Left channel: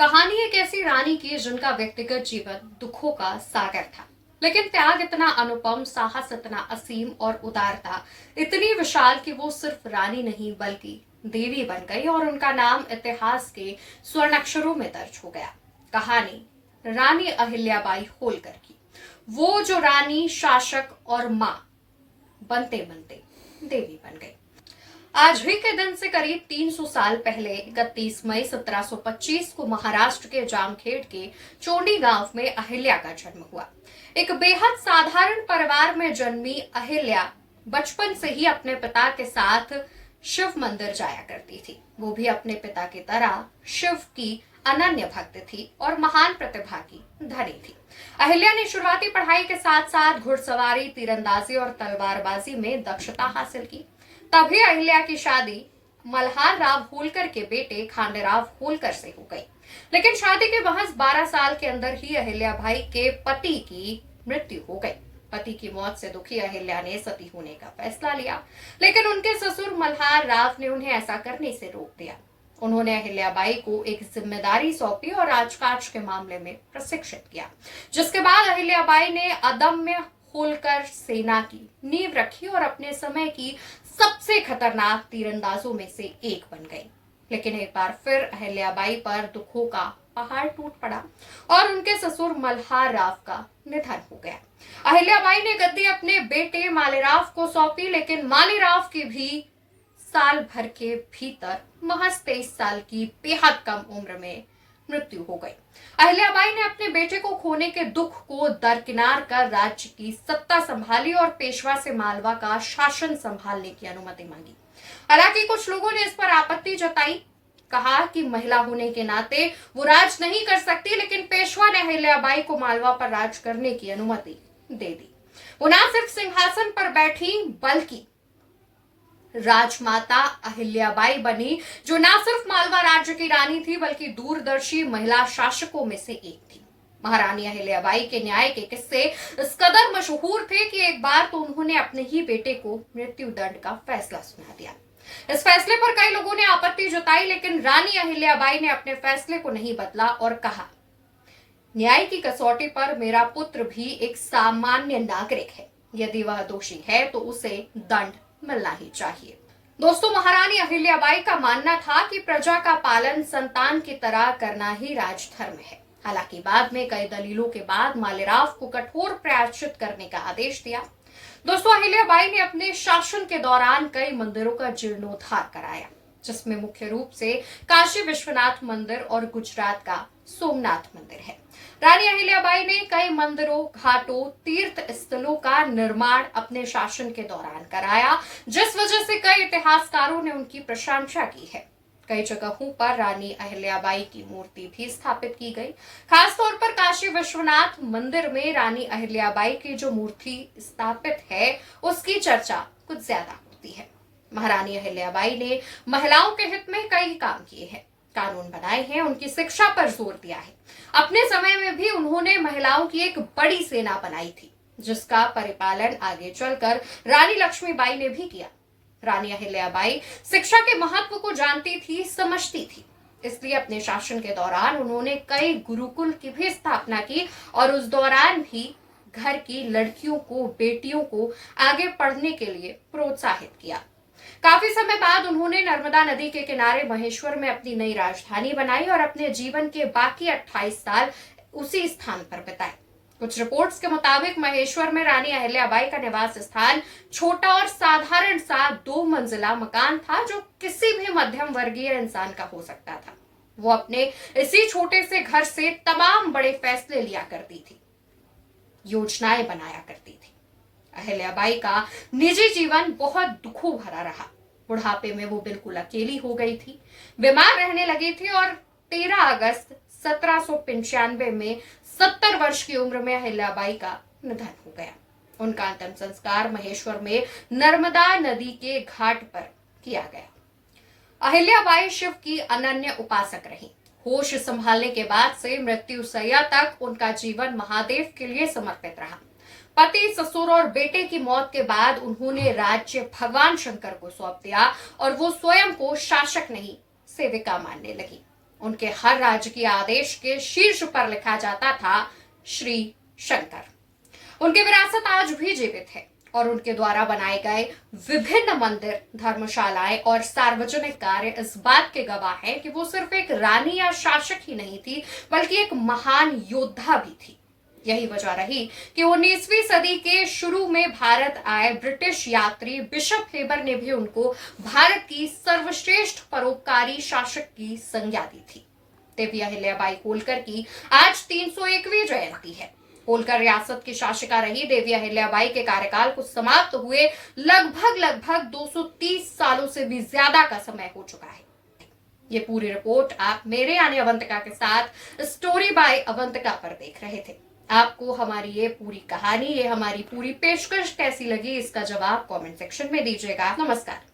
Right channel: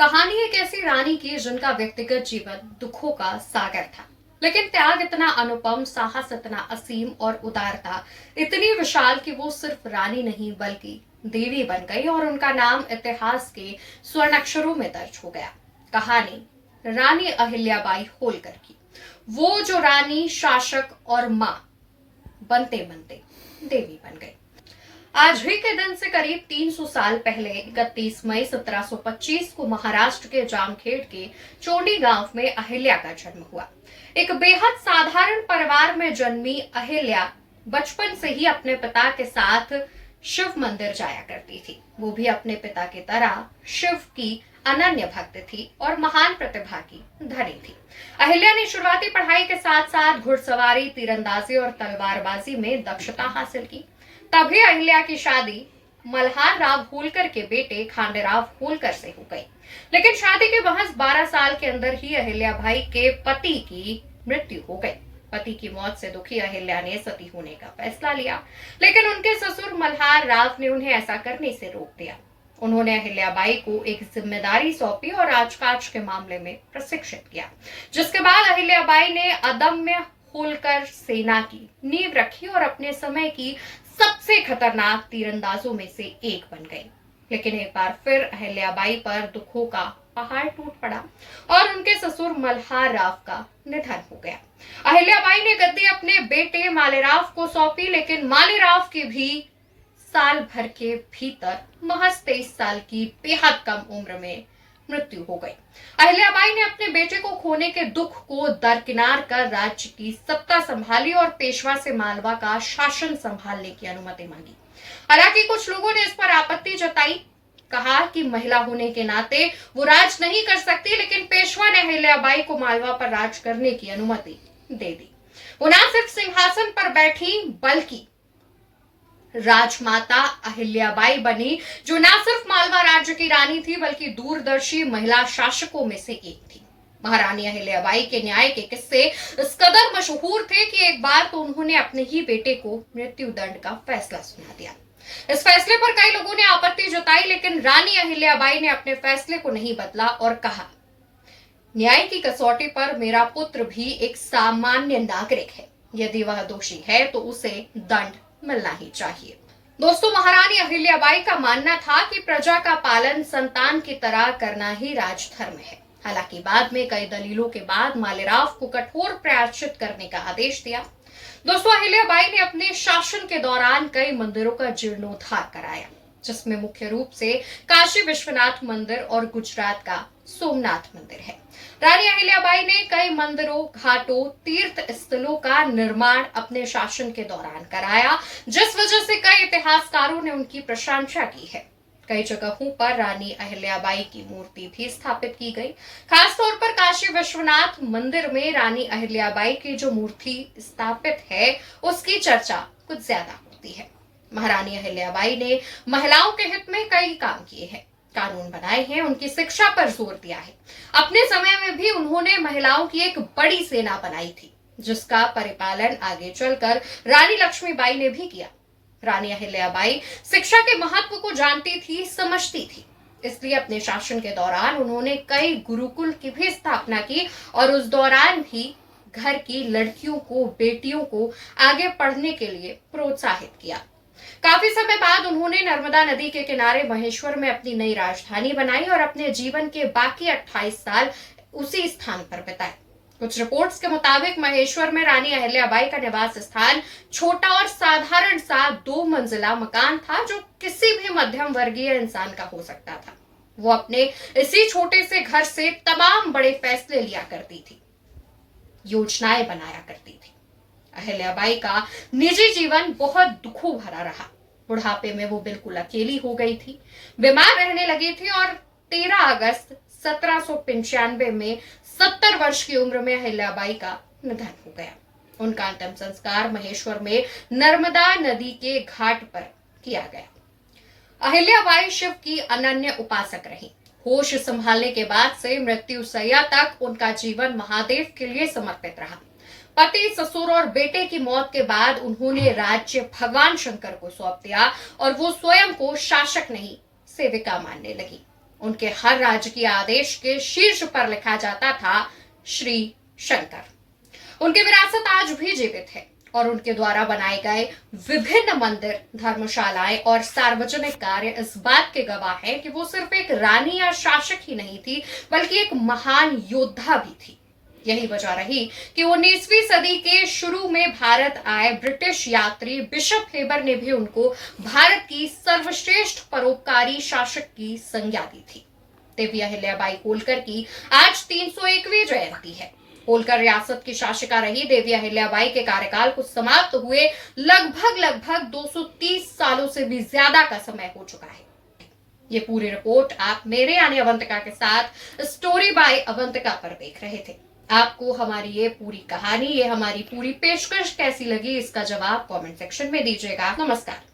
कहानी एक ऐसी रानी की जिनका व्यक्तिगत जीवन दुखों का सागर था, लेकिन त्याग इतना अनुपम, साहस इतना असीम और उदारता इतनी विशाल कि वो सिर्फ रानी नहीं बल्कि देवी बन गई और उनका नाम इतिहास के स्वर्ण अक्षरों में दर्ज हो गया। कहानी रानी अहिल्याबाई होलकर की, वो जो रानी, शासक और मां बनते बनते देवी बन गई। आज ही के दिन से करीब 300 साल पहले 31 मई 1725 को महाराष्ट्र के जामखेड़ के चोंडी गांव में अहिल्या का जन्म हुआ। एक बेहद साधारण परिवार में जन्मी अहिल्या बचपन से ही अपने पिता के साथ शिव मंदिर जाया करती थी। वो भी अपने पिता की तरह शिव की अनन्य भक्त थी और महान प्रतिभा की धनी थी। अहिल्या ने शुरुआती पढ़ाई के साथ साथ घुड़सवारी, तीरंदाजी और तलवारबाजी में दक्षता हासिल की। तभी अहिल्या की शादी मल्हार राव होलकर के बेटे खांडेराव होलकर से हो गई। लेकिन शादी के महज 12 साल के अंदर ही अहिल्या भाई के पति की मृत्यु हो गई। पति की मौत से दुखी अहिल्या ने सती होने का फैसला लिया, लेकिन उनके ससुर मल्हार राव ने उन्हें ऐसा करने से रोक दिया। उन्होंने अहिल्याबाई को एक जिम्मेदारी सौंपी और राजकाज के मामले में प्रशिक्षित किया, जिसके बाद अहिल्याबाई ने अदम्य होलकर सेना की नींव रखी और अपने समय की सबसे खतरनाक तीरंदाजों में से एक बन गई। लेकिन एक बार फिर अहिल्याबाई पर दुखों का पहाड़ टूट पड़ा और उनके ससुर मल्हार राव का निधन हो गया। अहिल्याबाई ने गद्दी अपने बेटे मालेराव को सौंपी, लेकिन मालेराव की भी साल भर के भीतर महज 23 साल की बेहद कम उम्र में मृत्यु हो गई। अहिल्याबाई ने अपने बेटे को खोने के दुख को दरकिनार कर राज्य की सत्ता संभाली और पेशवा से मालवा का शासन संभालने की अनुमति मांगी। हालांकि कुछ लोगों ने इस पर आपत्ति जताई, कहा कि महिला होने के नाते वो राज नहीं कर सकती, लेकिन पेशवा ने अहिल्याबाई को मालवा पर राज करने की अनुमति दे दी। वो न सिर्फ सिंहासन पर बैठी बल्कि राजमाता अहिल्याबाई बनी, जो न सिर्फ मालवा राज्य की रानी थी बल्कि दूरदर्शी महिला शासकों में से एक थी। महारानी अहिल्याबाई के न्याय के किस्से इस कदर मशहूर थे कि एक बार तो उन्होंने अपने ही बेटे को मृत्यु दंड का फैसला सुना दिया। इस फैसले पर कई लोगों ने आपत्ति जताई, लेकिन रानी अहिल्याबाई ने अपने फैसले को नहीं बदला और कहा, न्याय की कसौटी पर मेरा पुत्र भी एक सामान्य नागरिक है। यदि वह दोषी है तो उसे दंड मिलना ही चाहिए। दोस्तों, महारानी अहिल्याबाई का मानना था कि प्रजा का पालन संतान की तरह करना ही राजधर्म है। हालांकि बाद में कई दलीलों के बाद मालेराव को कठोर प्रायश्चित करने का आदेश दिया। दोस्तों, अहिल्याबाई ने अपने शासन के दौरान कई मंदिरों का जीर्णोद्धार कराया, जिसमें मुख्य रूप से काशी विश्वनाथ मंदिर और गुजरात का सोमनाथ मंदिर है। रानी अहिल्याबाई ने कई मंदिरों, घाटों, तीर्थ स्थलों का निर्माण अपने शासन के दौरान कराया, जिस वजह से कई इतिहासकारों ने उनकी प्रशंसा की है। कई जगहों पर रानी अहिल्याबाई की मूर्ति भी स्थापित की गई। खासतौर पर काशी विश्वनाथ मंदिर में रानी अहिल्याबाई की जो मूर्ति स्थापित है, उसकी चर्चा कुछ ज्यादा होती है। महारानी अहिल्याबाई ने महिलाओं के हित में कई काम किए हैं, कानून बनाए हैं, उनकी शिक्षा पर जोर दिया है। अपने समय में भी उन्होंने महिलाओं की एक बड़ी सेना बनाई थी, जिसका परिपालन आगे चलकर रानी लक्ष्मीबाई ने भी किया। रानी अहिल्याबाई शिक्षा के महत्व को जानती थी, समझती थी, इसलिए अपने शासन के दौरान उन्होंने कई गुरुकुल की भी स्थापना की और उस दौरान भी घर की लड़कियों को, बेटियों को आगे पढ़ने के लिए प्रोत्साहित किया। काफी समय बाद उन्होंने नर्मदा नदी के किनारे महेश्वर में अपनी नई राजधानी बनाई और अपने जीवन के बाकी 28 साल उसी स्थान पर बिताए। कुछ रिपोर्ट्स के मुताबिक महेश्वर में रानी अहिल्याबाई का निवास स्थान छोटा और साधारण सा 2 मंजिला मकान था, जो किसी भी मध्यम वर्गीय इंसान का हो सकता था। वो अपने इसी छोटे से घर से तमाम बड़े फैसले लिया करती थी, योजनाएं बनाया करती थी। अहिल्याबाई का निजी जीवन बहुत दुखों भरा रहा। बुढ़ापे में वो बिल्कुल अकेली हो गई थी, बीमार रहने लगी थी और 13 अगस्त 1795 में 70 वर्ष की उम्र में अहिल्याबाई का निधन हो गया। उनका अंतिम संस्कार महेश्वर में नर्मदा नदी के घाट पर किया गया। अहिल्याबाई शिव की अनन्य उपासक रही। होश संभालने के बाद से मृत्यु सैया तक उनका जीवन महादेव के लिए समर्पित रहा। पति, ससुर और बेटे की मौत के बाद उन्होंने राज्य भगवान शंकर को सौंप दिया और वो स्वयं को शासक नहीं, सेविका मानने लगी। उनके हर राजकीय आदेश के शीर्ष पर लिखा जाता था श्री शंकर। उनकी विरासत आज भी जीवित है और उनके द्वारा बनाए गए विभिन्न मंदिर, धर्मशालाएं और सार्वजनिक कार्य इस बात के गवाह हैं कि वो सिर्फ एक रानी या शासक ही नहीं थी, बल्कि एक महान योद्धा भी थी। यही वजह रही कि 19वीं सदी के शुरू में भारत आए ब्रिटिश यात्री बिशप हेबर ने भी उनको भारत की सर्वश्रेष्ठ परोपकारी शासक की संज्ञा दी थी। देवी अहिल्याबाई होलकर की आज 301वीं जयंती है। होलकर रियासत की शासिका रही देवी अहिल्याबाई के कार्यकाल को समाप्त हुए लगभग 230 सालों से भी ज्यादा का समय हो चुका है। ये पूरी रिपोर्ट आप मेरे यानी अवंतिका के साथ स्टोरी बाय अवंतिका पर देख रहे थे। आपको हमारी ये पूरी कहानी, ये हमारी पूरी पेशकश कैसी लगी, इसका जवाब कमेंट सेक्शन में दीजिएगा। नमस्कार।